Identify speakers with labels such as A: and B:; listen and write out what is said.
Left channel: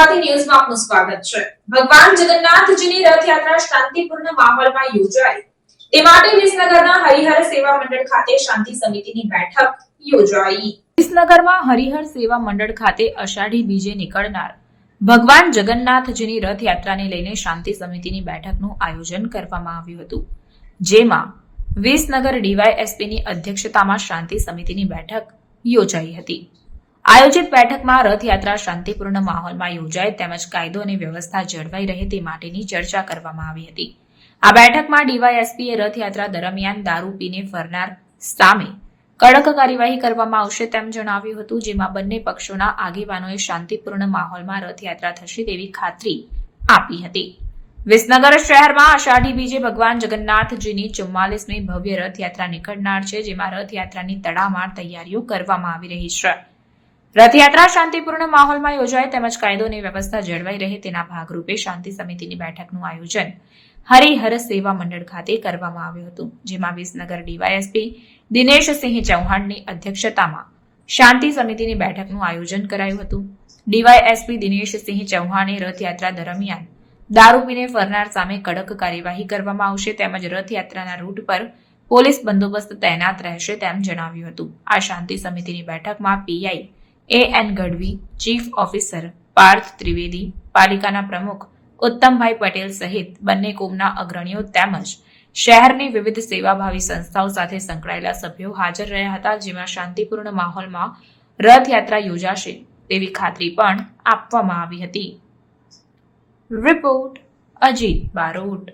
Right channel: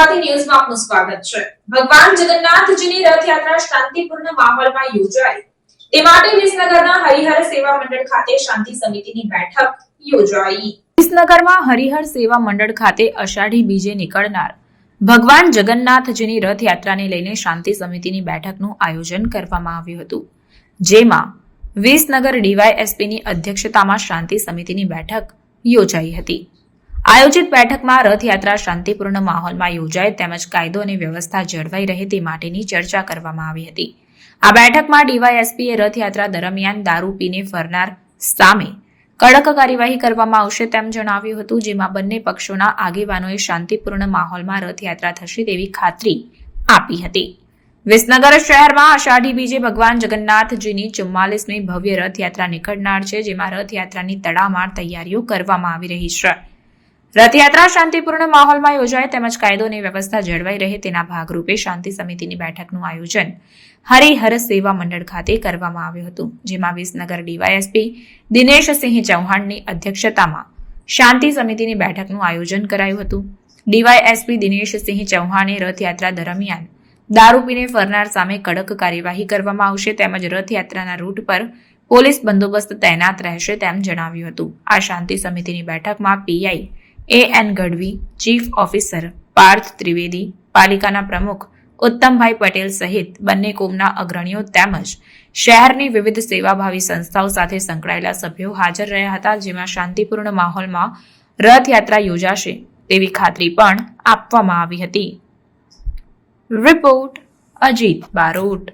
A: ગુજરાતી ન્યૂઝમાં આપનું સ્વાગત છે. ભગવાન જગન્નાથજીની રથયાત્રા શાંતિપૂર્ણ માહોલમાં યોજાય તે માટે વિસનગરના હરિહર સેવા મંડળ ખાતે શાંતિ સમિતિની બેઠક યોજાઈ. વિસનગરમાં હરિહર સેવા મંડળ ખાતે અષાઢી બીજે નીકળનાર ભગવાન જગન્નાથજીની રથયાત્રાને લઈને શાંતિ સમિતિની બેઠકનું આયોજન કરવામાં આવ્યું હતું. જેમાં વિસનગર ડીવાયએસપીની અધ્યક્ષતામાં શાંતિ સમિતિની બેઠક યોજાઈ હતી. આયોજિત બેઠકમાં રથયાત્રા શાંતિપૂર્ણ માહોલમાં યોજાય તેમજ કાયદો અને વ્યવસ્થા જળવાઈ રહે તે માટેની ચર્ચા કરવામાં આવી હતી. આ બેઠકમાં ડીવાયએસપીએ રથયાત્રા દરમિયાન દારૂ પીને ફરનાર સામે કડક કાર્યવાહી કરવામાં આવશે તેમ જણાવ્યું હતું, જેમાં બંને પક્ષોના આગેવાનોએ શાંતિપૂર્ણ માહોલમાં રથયાત્રા થશે તેવી ખાતરી આપી હતી. વિસનગર શહેરમાં અષાઢી બીજે ભગવાન જગન્નાથજીની ચુમ્માલીસમી ભવ્ય રથયાત્રા નીકળનાર છે, જેમાં રથયાત્રાની તડામાર તૈયારીઓ કરવામાં આવી રહી છે. રથયાત્રા શાંતિપૂર્ણ માહોલમાં યોજાય તેમજ કાયદોની વ્યવસ્થા જળવાઈ રહે તેના ભાગરૂપે શાંતિ સમિતિની બેઠકનું આયોજન હરિહર સેવા મંડળ ખાતે કરવામાં આવ્યું હતું, જેમાં વિસનગર ડીવાયએસપી દિનેશસિંહ ચૌહાણની અધ્યક્ષતામાં શાંતિ સમિતિની બેઠકનું આયોજન કરાયું હતું. ડીવાયએસપી દિનેશસિંહ ચૌહાણે રથયાત્રા દરમિયાન દારૂ પીને ફરનાર સામે કડક કાર્યવાહી કરવામાં આવશે તેમજ રથયાત્રાના રૂટ પર પોલીસ બંદોબસ્ત તૈનાત રહેશે તેમ જણાવ્યું હતું. આ શાંતિ સમિતિની બેઠકમાં PI A N Gadhvi, chief officer Parth Trivedi, પાલિકાના પ્રમુખ ઉત્તમભાઈ પટેલ સહિત બંને કોમના અગ્રણીઓ તેમજ શહેરની વિવિધ સેવાભાવી સંસ્થાઓ સાથે સંકળાયેલા સભ્યો હાજર રહ્યા હતા, જેમાં શાંતિપૂર્ણ માહોલમાં રથયાત્રા યોજાશે તેવી ખાતરી પણ આપવામાં આવી હતી. રિપોર્ટ અજીત બારોટ.